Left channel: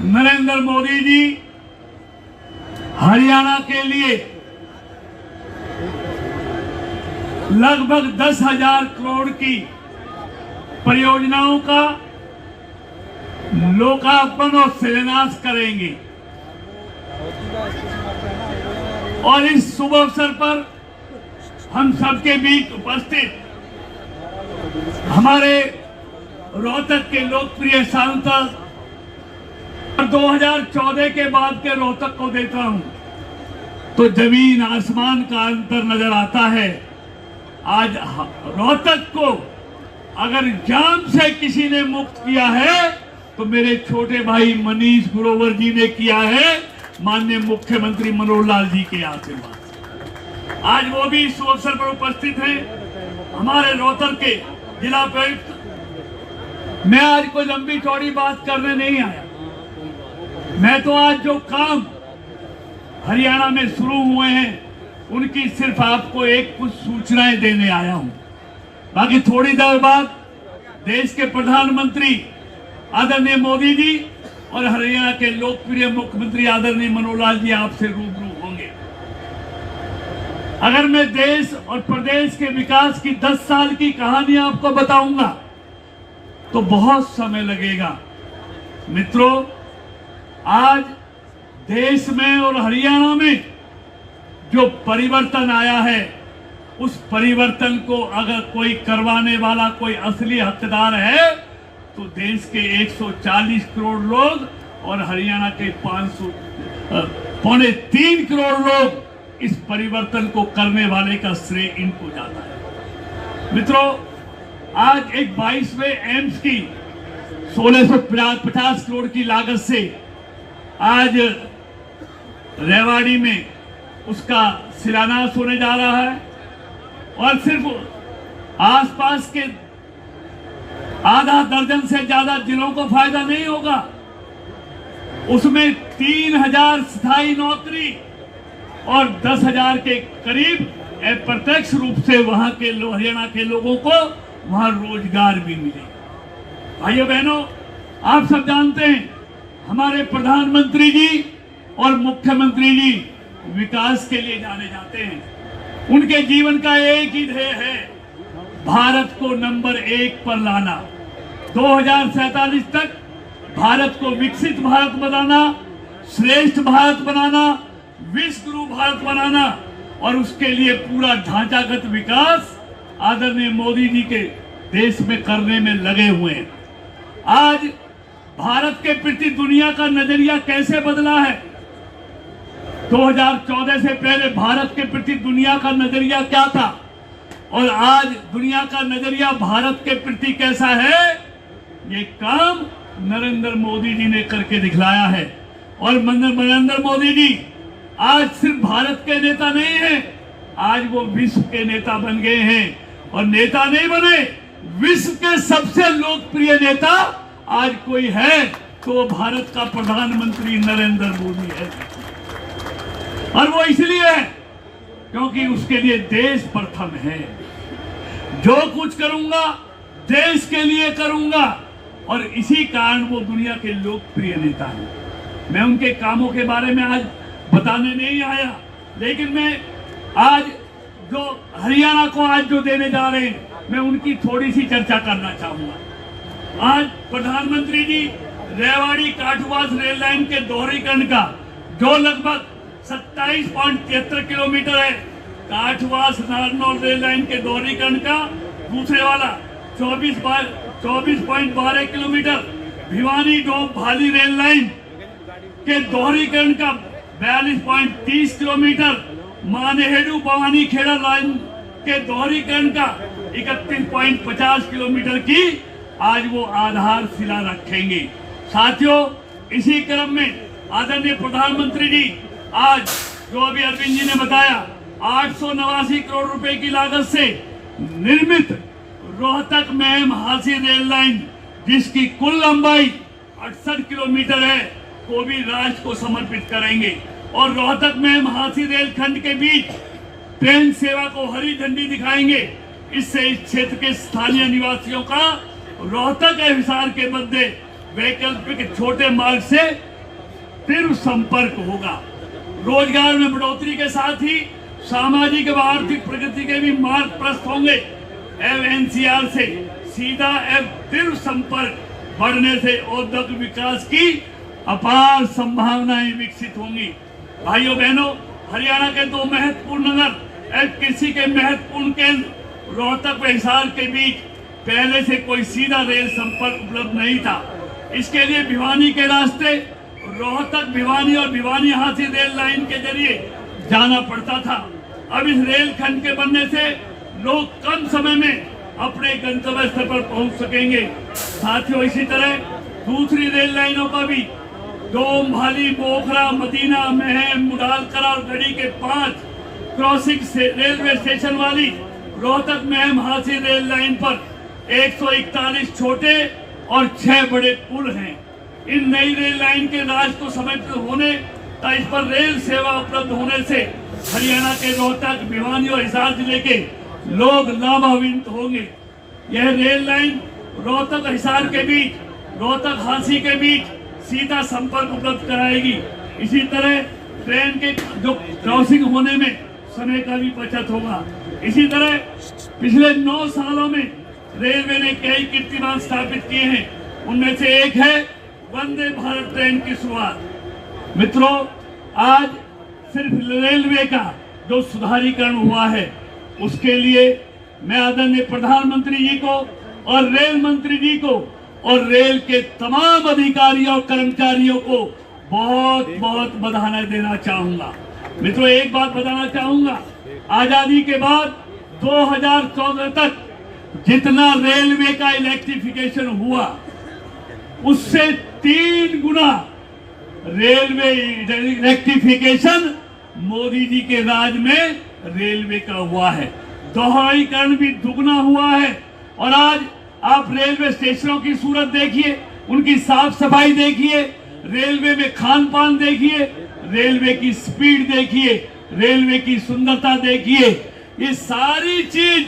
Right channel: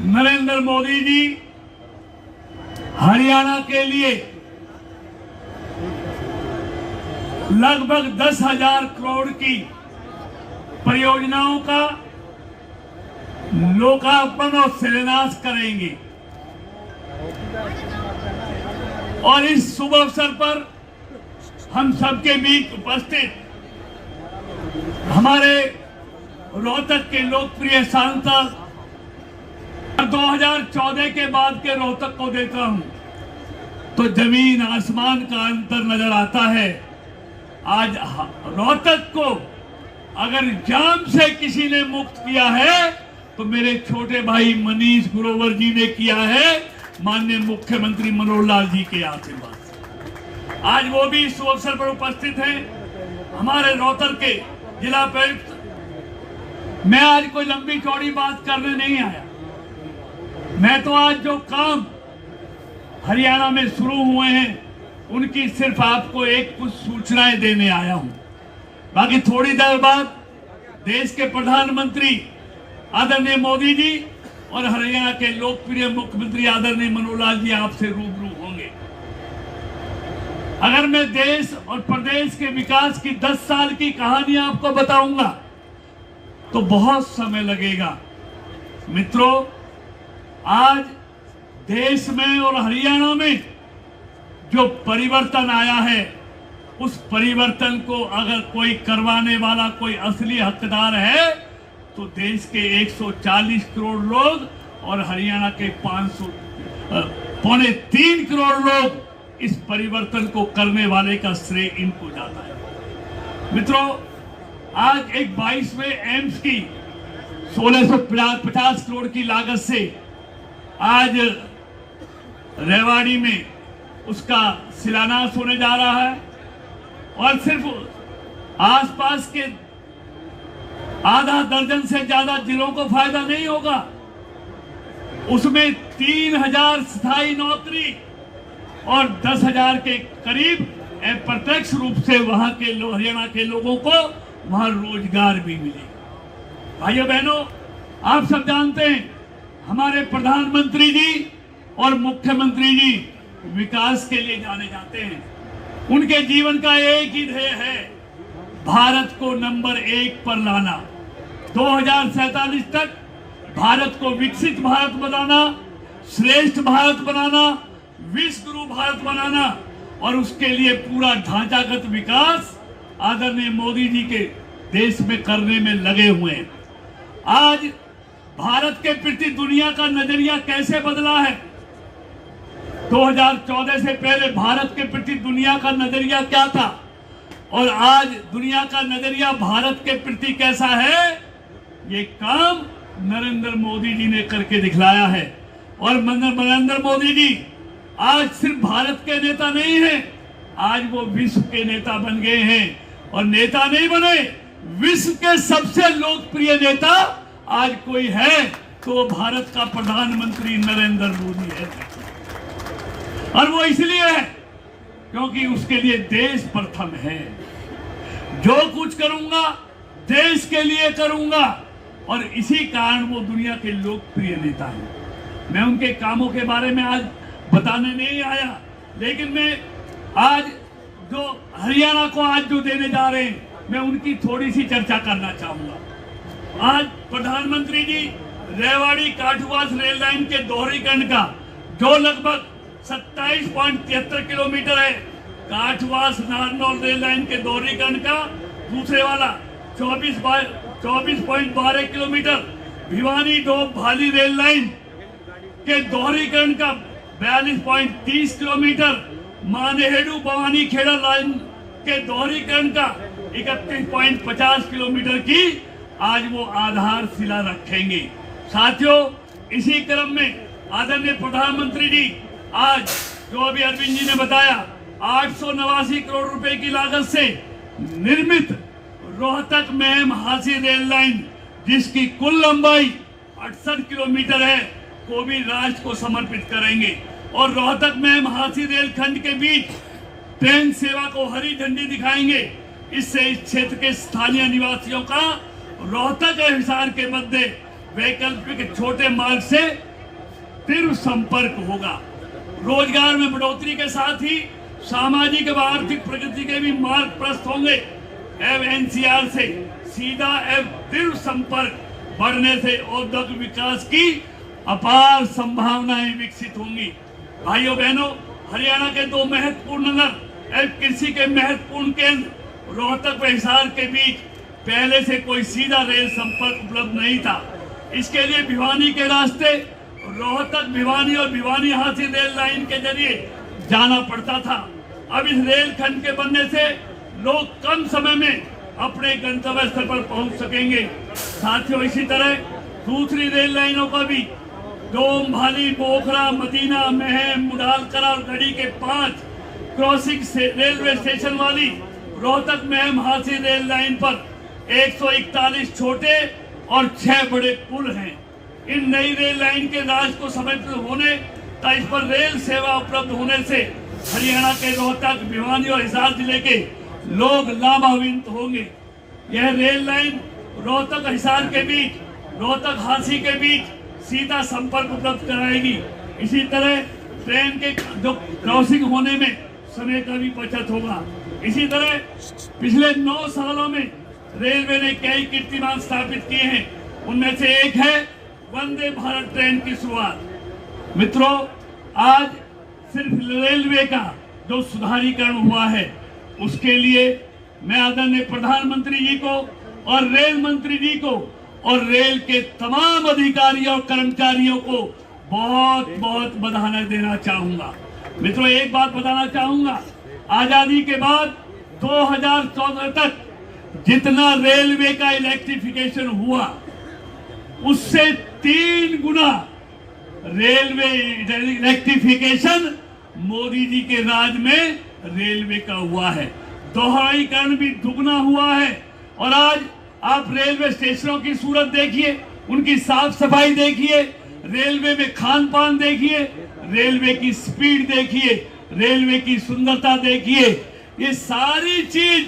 नरेंद्र मोदी जी हरियाणा के लिए लगभग 10,000 करोड़ की परियोजनाओं का लोकार्पण और शिलान्यास करेंगे। और इस शुभ अवसर पर हम सबके बीच उपस्थित हमारे रोहतक के लोकप्रिय सांसद 2014 के बाद के रोहतक को देखता हूं तो जमीन आसमान का अंतर नजर आता है। आज रोहतक को अगर जाम से किसी ने मुक्त किया है तो मेरे छोटे भाई मनीष ग्रोवर जी ने किया है, माननीय मुख्यमंत्री मनोहर लाल जी के आशीर्वाद। आज वो भी इस अवसर पर उपस्थित हैं। हमारे रोहतक के जिला उपायुक्त। मैं आज कोई लंबी चौड़ी बात करने नहीं आया। मैं तो आज जो काम हरियाणा में शुरू हुए हैं उनकी सिर्फ आपको एक कुछ सूचनाएं देने आया हूं। बाकी थोड़ी देर बाद देश के प्रधानमंत्री आदरणीय मोदी जी और हरियाणा के लोकप्रिय मुख्यमंत्री आदरणीय मनोहर लाल जी आपसे रूबरू होंगे। अगर मैं देश और प्रदेश के विकास की 10 साल की कहानी आपको बताऊंगा तो बहुत समय लगेगा। मित्रों, आज देश में और हरियाणा में जो परिवर्तन आया है उस परिवर्तन को अगर कोई करवाने वाला कोई असली हकदार है तो देश के 140 करोड़ लोग और हरियाणा के 3.25 करोड़ लोग इस परिवर्तन को करने वाले का श्रेय इनको जाता है। मित्रों, आज एक 22वें एम्स की 1650 करोड़ की लागत से आज रेवाड़ी में उसका शिलान्यास होने जा रहा है। और सिर्फ आसपास के आधा दर्जन से ज्यादा जिलों को फायदा नहीं होगा, उसमें 3,000 स्थायी नौकरी और 10,000 के करीब अप्रत्यक्ष रूप से वहां के हरियाणा के लोगों को वहां रोजगार भी मिलेगा। भाइयों बहनों, आप सब जानते हैं हमारे प्रधानमंत्री जी और मुख्यमंत्री जी विकास के लिए जाने जाते हैं। उनके जीवन का एक ही ध्येय है, भारत को नंबर 1 पर लाना। 2047 तक भारत को विकसित भारत बनाना, श्रेष्ठ भारत बनाना, विश्व गुरु भारत बनाना और उसके लिए पूरा ढांचागत विकास आदरणीय मोदी जी के देश में करने में लगे हुए हैं। आज भारत के प्रति दुनिया का नजरिया कैसे बदला है? 2014 से पहले भारत के प्रति दुनिया का नजरिया क्या था और आज दुनिया का नजरिया भारत के प्रति कैसा है, ये काम नरेंद्र मोदी जी ने करके दिखलाया है। और नरेंद्र मोदी जी आज सिर्फ भारत के नेता नहीं हैं, आज वो विश्व के नेता बन गए हैं। और नेता नहीं बने, विश्व के सबसे लोकप्रिय नेता आज कोई है तो भारत का प्रधानमंत्री नरेंद्र मोदी है। और वो इसलिए है क्योंकि उसके लिए देश प्रथम है। जो कुछ करूंगा देश के लिए करूंगा और इसी कारण वो दुनिया के लोकप्रिय नेता हैं। मैं उनके कामों के बारे में आज बताने नहीं आया, लेकिन मैं आज जो हरियाणा को आज जो देने जा रहे हैं मैं उनकी थोड़ी सी चर्चा करना चाहूंगा। आज प्रधानमंत्री जी रेवाड़ी काठवास रेल लाइन के दोहरीकरण का जो लगभग 27.73 किलोमीटर है, काठवास नारनौल रेल लाइन के दोहरीकरण का दूसरे वाला 24.12 किलोमीटर, भिवानी डोब भाली रेल लाइन के दोहरीकरण का 42.30 किलोमीटर, मानेहेडू भवानी खेड़ा लाइन के दोहरीकरण का 31.50 किलोमीटर की आज वो आधारशिला रखेंगे। साथियों, इसी क्रम में आदरणीय प्रधानमंत्री जी आज जो अभी अरविंद जी ने बताया 889 करोड़ रुपए की लागत से निर्मित रोहतक महम हांसी रेल लाइन, जिसकी कुल लंबाई 68 किलोमीटर है, को भी राष्ट्र को समर्पित करेंगे। और रोहतक महम हांसी रेल खंड के बीच ट्रेन सेवा को हरी झंडी दिखाएंगे। इससे इस क्षेत्र के स्थानीय निवासियों का रोहतक हिसार के मध्य वैकल्पिक छोटे मार्ग से तीव्र संपर्क होगा। रोजगार में बढ़ोतरी के साथ ही सामाजिक व आर्थिक प्रगति के भी मार्ग प्रशस्त होंगे। एनसीआर से सीधा एवं तीव्र संपर्क बढ़ने से औद्योगिक विकास की अपार संभावनाएं विकसित होंगी। भाइयों बहनों, हरियाणा के दो महत्वपूर्ण नगर एवं कृषि के महत्वपूर्ण केंद्र रोहतक व हिसार के बीच पहले से कोई सीधा रेल संपर्क उपलब्ध नहीं था। इसके लिए भिवानी के रास्ते रोहतक भिवानी और भिवानी हाथी रेल लाइन के जरिए जाना पड़ता था। अब इस रेल खंड के बनने से लोग कम समय में अपने गंतव्य स्थल पर पहुंच सकेंगे। साथियों, इसी तरह दूसरी रेल लाइनों का भी डोम, भाली, बोखरा, मदीना, महम, मुडालकला और गढ़ी के 5 क्रॉसिंग रेलवे स्टेशन वाली रोहतक महम हाथी रेल लाइन पर 141 छोटे और 6 बड़े पुल हैं। इन नई रेल लाइन के राज को समर्पित होने तथा इस पर रेल सेवा उपलब्ध होने से हरियाणा के रोहतक, भिवानी और हिसार जिले के लोग लाभान्वित होंगे। यह रेल लाइन रोहतक और हिसार के बीच, रोहतक हाथी के बीच सीधा संपर्क उपलब्ध कराएगी। इसी तरह ट्रेन के जो क्रॉसिंग होने में समय का भी बचत होगा। इसी तरह पिछले 9 सालों में रेलवे ने कई कीर्तिमान स्थापित किए हैं। उनमें से एक है वंदे भारत ट्रेन की शुरुआत। मित्रों, आज सिर्फ रेलवे का जो सुधारीकरण हुआ है उसके लिए मैं आदरणीय प्रधानमंत्री जी को और रेल मंत्री जी को और रेल के तमाम अधिकारियों और कर्मचारियों को बहुत बहुत बधाई देना चाहूंगा। मित्रों, एक बात बताना चाहूंगा, आजादी के बाद 2014 तक जितना रेलवे का इलेक्ट्रिफिकेशन हुआ उससे 3 गुना रेलवे इलेक्ट्रिफिकेशन मोदी जी के राज में रेलवे का हुआ है। दोहराईकरण भी दुगना हुआ है। और आज आप रेलवे स्टेशनों की सूरत देखिए, उनकी साफ सफाई देखिए, रेलवे में खान पान देखिए, रेलवे की स्पीड देखिए, रेलवे की सुंदरता देखिए। ये सारी चीज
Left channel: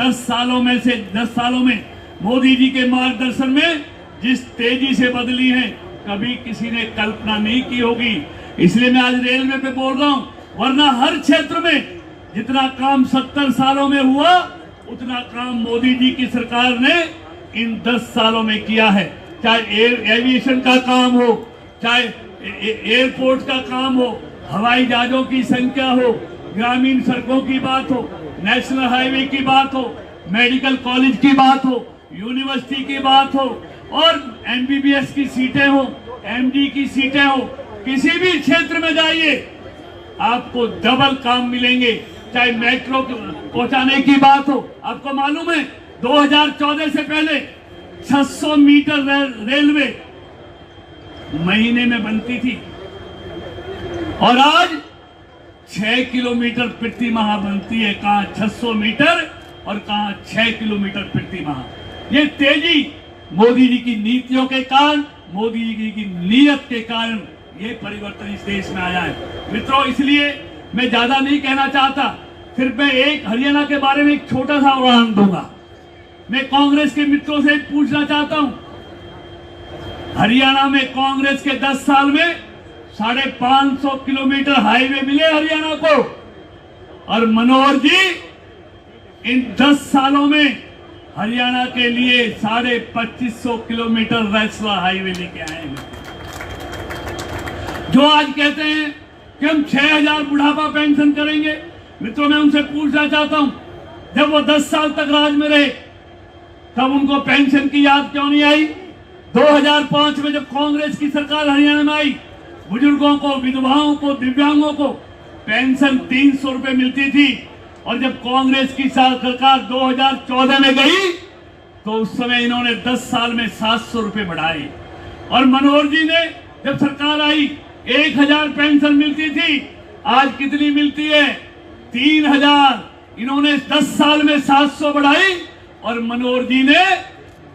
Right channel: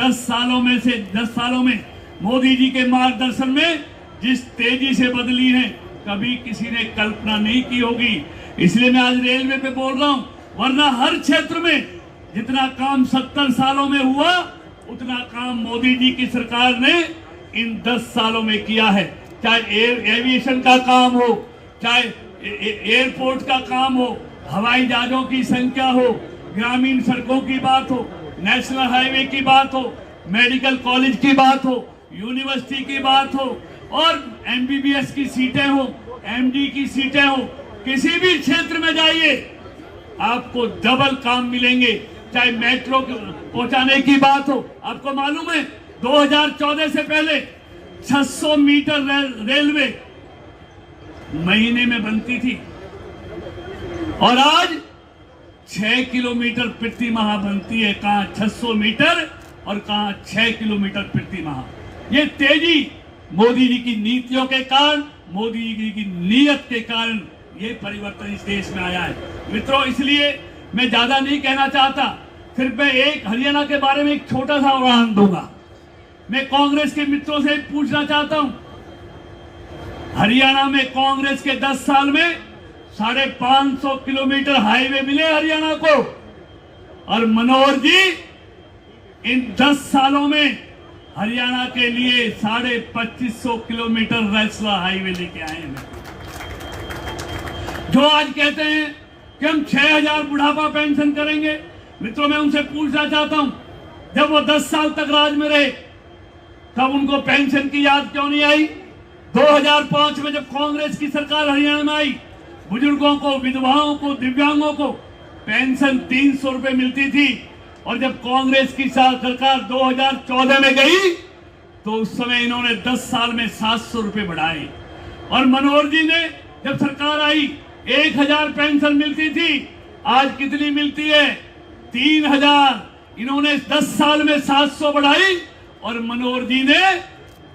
10 सालों में मोदी जी के मार्गदर्शन में जिस तेजी से बदली है, कभी किसी ने कल्पना नहीं की होगी। इसलिए मैं आज रेलवे पे बोल रहा हूं, वरना हर क्षेत्र में जितना काम 70 सालों में हुआ उतना काम मोदी जी की सरकार ने इन 10 सालों में किया है। चाहे एविएशन का काम हो, चाहे एयरपोर्ट का काम हो, हवाई जहाजों की संख्या हो, ग्रामीण सड़कों की बात हो, नेशनल हाईवे की बात हो, मेडिकल कॉलेज की बात हो, यूनिवर्सिटी की बात हो और एमबीबीएस की सीटें हो, एमडी की सीटें हो, किसी भी क्षेत्र में जाइए आपको डबल काम मिलेंगे। चाहे मेट्रो पहुंचाने की बात हो, आपको मालूम है 2014 से पहले 600 मीटर रेलवे महीने में बनती थी और आज 6 किलोमीटर प्रति माह बनती है। कहां 600 मीटर और कहां 6 किलोमीटर प्रति माह। ये तेजी मोदी जी की नीतियों के कारण, मोदी जी की नीयत के कारण ये परिवर्तन इस देश में आया है। मित्रों, इसलिए मैं ज्यादा नहीं कहना चाहता, सिर्फ मैं एक हरियाणा के बारे में एक छोटा सा उदाहरण दूंगा। मैं कांग्रेस के मित्रों से पूछना चाहता हूं, हरियाणा में कांग्रेस के 10 साल में 550 किलोमीटर हाईवे मिले हरियाणा को, और मनोहर जी इन 10 सालों में हरियाणा के लिए 2550 किलोमीटर नेशनल हाईवे लेके आए हैं। जो आज कहते हैं कि हम 6000 बुढ़ापा पेंशन करेंगे, मित्रों मैं उनसे पूछना चाहता हूं, जब वो 10 साल तक राज में रहे तब उनको पेंशन की याद क्यों नहीं आई? 2005 में जब कांग्रेस की सरकार हरियाणा में आई, बुजुर्गों को, विधवाओं को, दिव्यांगों को पेंशन 300 रुपए मिलती थी, और जब कांग्रेस की सरकार 2014 में गई तो उस समय इन्होंने 10 साल में 700 रुपए बढ़ाए। और मनोहर जी ने जब सरकार आई 1000 पेंशन मिलती थी, आज कितनी मिलती है? 3000। इन्होंने 10 साल में 700 बढ़ाई और मनोहर जी ने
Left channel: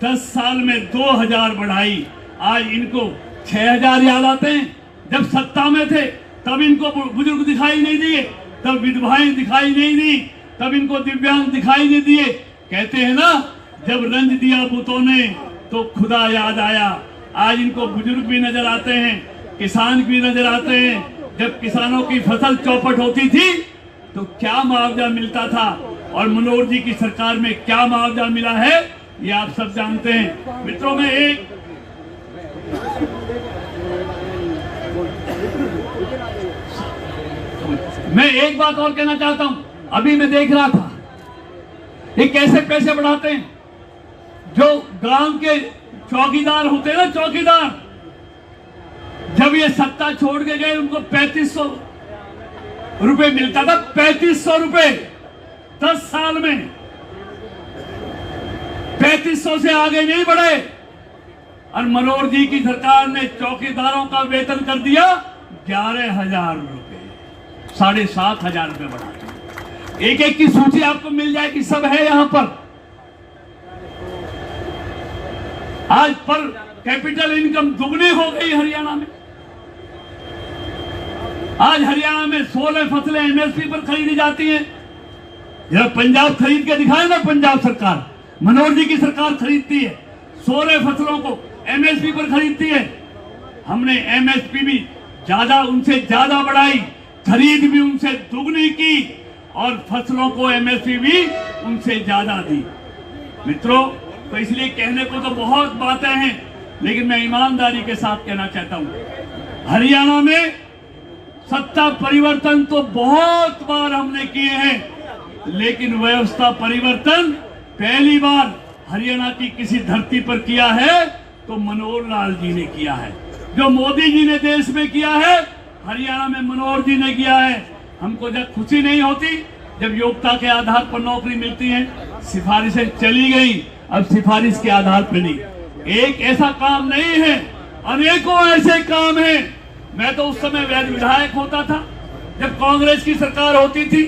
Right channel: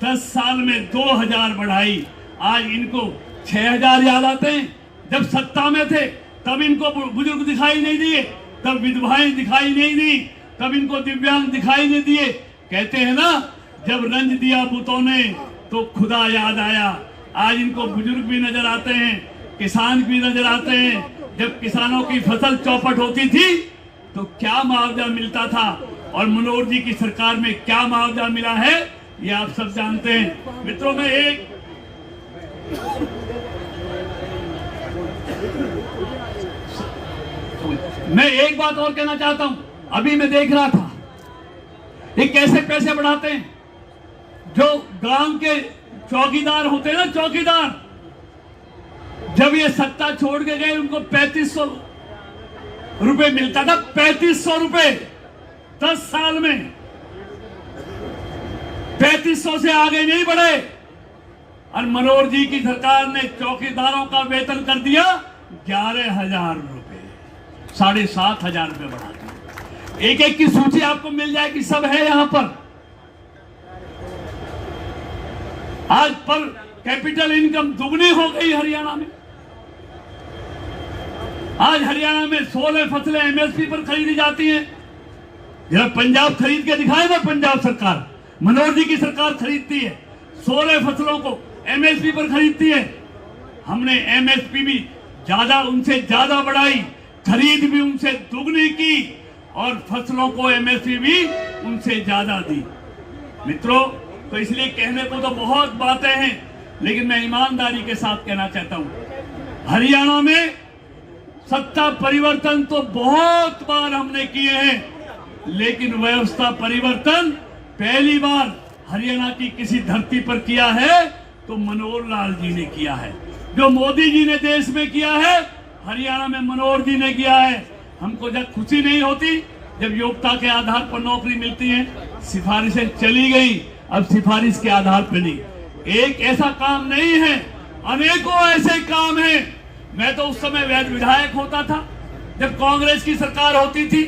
10 साल में 2000 बढ़ाई। आज इनको 6000 याद आते हैं। जब सत्ता में थे तब इनको बुजुर्ग दिखाई नहीं दिए, तब विधवाएं दिखाई नहीं दी, तब इनको दिव्यांग दिखाई नहीं दिए। कहते हैं ना, जब रंज दिया बुतों ने तो खुदा याद आया। आज इनको बुजुर्ग भी नजर आते हैं, किसान भी नजर आते हैं। जब किसानों की फसल चौपट होती थी तो क्या मुआवजा मिलता था और मनोहर जी की सरकार में क्या मुआवजा मिला है ये आप सब जानते हैं। मित्रों में एक बात और कहना चाहता हूं। अभी मैं देख रहा था ये कैसे पैसे बढ़ाते हैं। जो गांव के चौकीदार होते हैं ना, चौकीदार, जब ये सत्ता छोड़ के गए उनको 3500 रुपए मिलता था। 3500 रुपए 10 साल में। 3500 से आगे नहीं बढ़े। और मनोहर जी की सरकार ने चौकीदारों का वेतन कर दिया 11,000 रुपए, 7,500 रुपए बढ़ा। एक एक की सूची आपको मिल जाएगी, सब है यहां पर। आज पर कैपिटल इनकम दुगनी हो गई हरियाणा में। आज हरियाणा में 16 फसलें एमएसपी पर खरीदी जाती है। जरा पंजाब खरीद के दिखाए ना, पंजाब सरकार, मनोहर जी की सरकार खरीदती है 16 फसलों को एमएसपी पर खरीदती है। हमने एमएसपी भी उनसे ज्यादा बढ़ाई, खरीद भी उनसे दुगनी की और फसलों को एमएसपी भी उनसे ज्यादा दी। मित्रों, तो इसलिए कहने को तो बहुत बातें हैं, लेकिन मैं ईमानदारी के साथ कहना चाहता हूं, हरियाणा में सत्ता परिवर्तन तो बहुत बार हमने किए हैं, लेकिन व्यवस्था परिवर्तन पहली बार हरियाणा की किसी धरती पर किया है तो मनोहर लाल जी ने किया है। जो मोदी जी ने देश में किया है, हरियाणा में मनोहर जी ने किया है। हमको जब खुशी नहीं होती जब योग्यता के आधार पर नौकरी मिलती है, सिफारिशें चली गई, अब सिफारिश के आधार पर नहीं। एक ऐसा काम नहीं है, अनेकों ऐसे काम हैं। मैं तो उस समय विधायक होता था जब कांग्रेस की सरकार होती थी।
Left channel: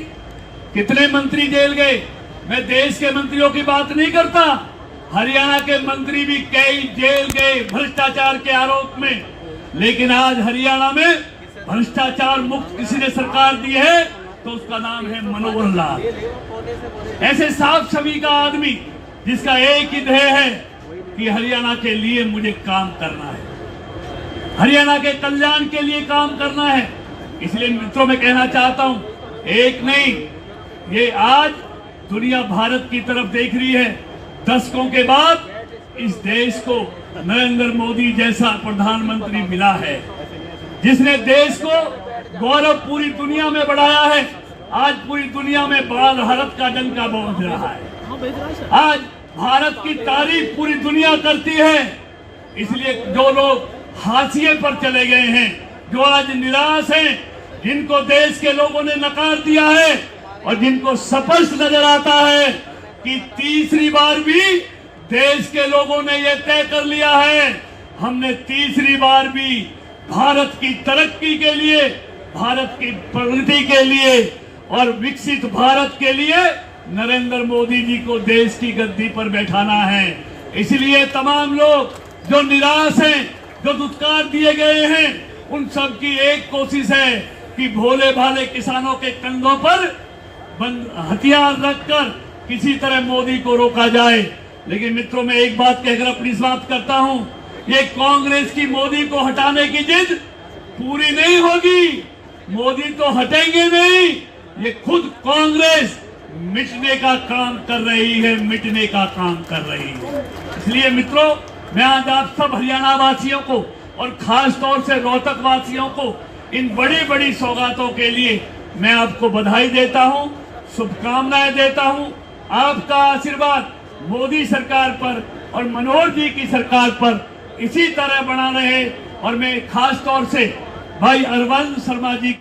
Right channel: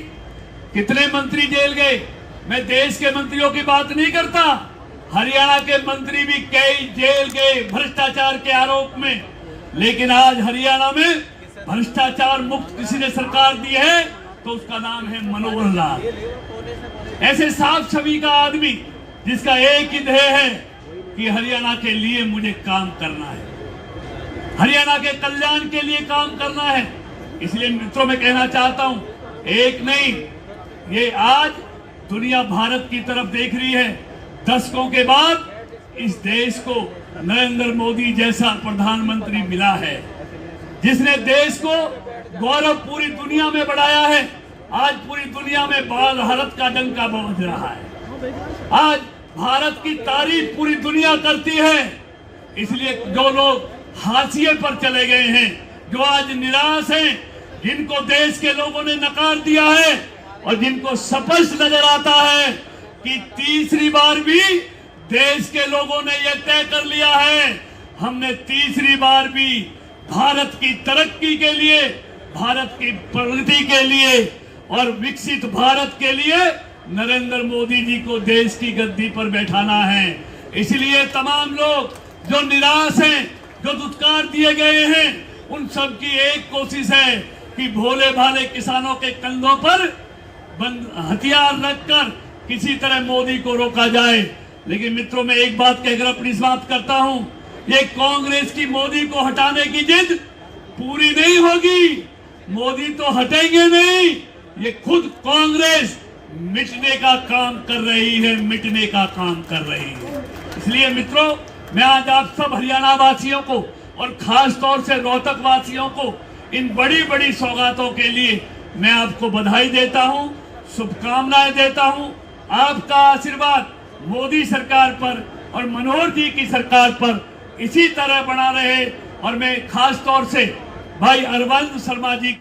कितने मंत्री जेल गए। मैं देश के मंत्रियों की बात नहीं करता, हरियाणा के मंत्री भी कई जेल गए भ्रष्टाचार के आरोप में। लेकिन आज हरियाणा में भ्रष्टाचार मुक्त किसी ने सरकार दी है तो उसका नाम है मनोहर लाल। ऐसे साफ छवि का आदमी जिसका एक ही ध्येय है कि हरियाणा के लिए मुझे काम करना है, हरियाणा के कल्याण के लिए काम करना है। इसलिए मित्रों में कहना चाहता हूं, एक नहीं, ये आज दुनिया भारत की तरफ देख रही है। दशकों के बाद इस देश को नरेंद्र मोदी जैसा प्रधानमंत्री मिला है, जिसने देश को गौरव पूरी दुनिया में बढ़ाया है। आज पूरी दुनिया में भारत का डंका बज रहा है। आज भारत की तारीफ पूरी दुनिया करती है। इसलिए जो लोग हाशिए पर चले गए हैं, जो आज निराश हैं, जिनको देश के लोगों ने नकार दिया है और जिनको स्पष्ट नजर आता है कि तीसरी बार भी देश के लोगों ने यह तय कर लिया है, हमने तीसरी बार भी भारत की तरक्की के लिए, भारत की प्रगति के लिए और विकसित भारत के लिए नरेंद्र मोदी जी को देश की गद्दी पर बैठाना है। इसलिए तमाम लोग जो निराश हैं, जो दुत्कार दिए गए हैं, उन सब की एक कोशिश है कि भोले भाले किसानों के कंधों पर हथियार रखकर किसी तरह मोदी को रोका जाए। लेकिन मित्रों, मैं एक बात कहकर अपनी समाप्त करता हूं, ये कांग्रेस की मोदी को हटाने की जिद पूरी नहीं होगी। मोदी तो हटेंगे नहीं, ये खुद कांग्रेस मिटने का काम कर रही है, मिटने का काम कर रही है। इसलिए मित्रों, मैं आज आप सब हरियाणा वासियों को और खास तौर से रोहतक वासियों को इन बड़ी बड़ी सौगातों के लिए मैं आपको बधाई देता हूं, शुभकामनाएं देता हूं। आपका आशीर्वाद मोदी सरकार पर और मनोहर जी की सरकार पर इसी तरह बना रहे। और मैं खास तौर से भाई अरविंद शर्मा जी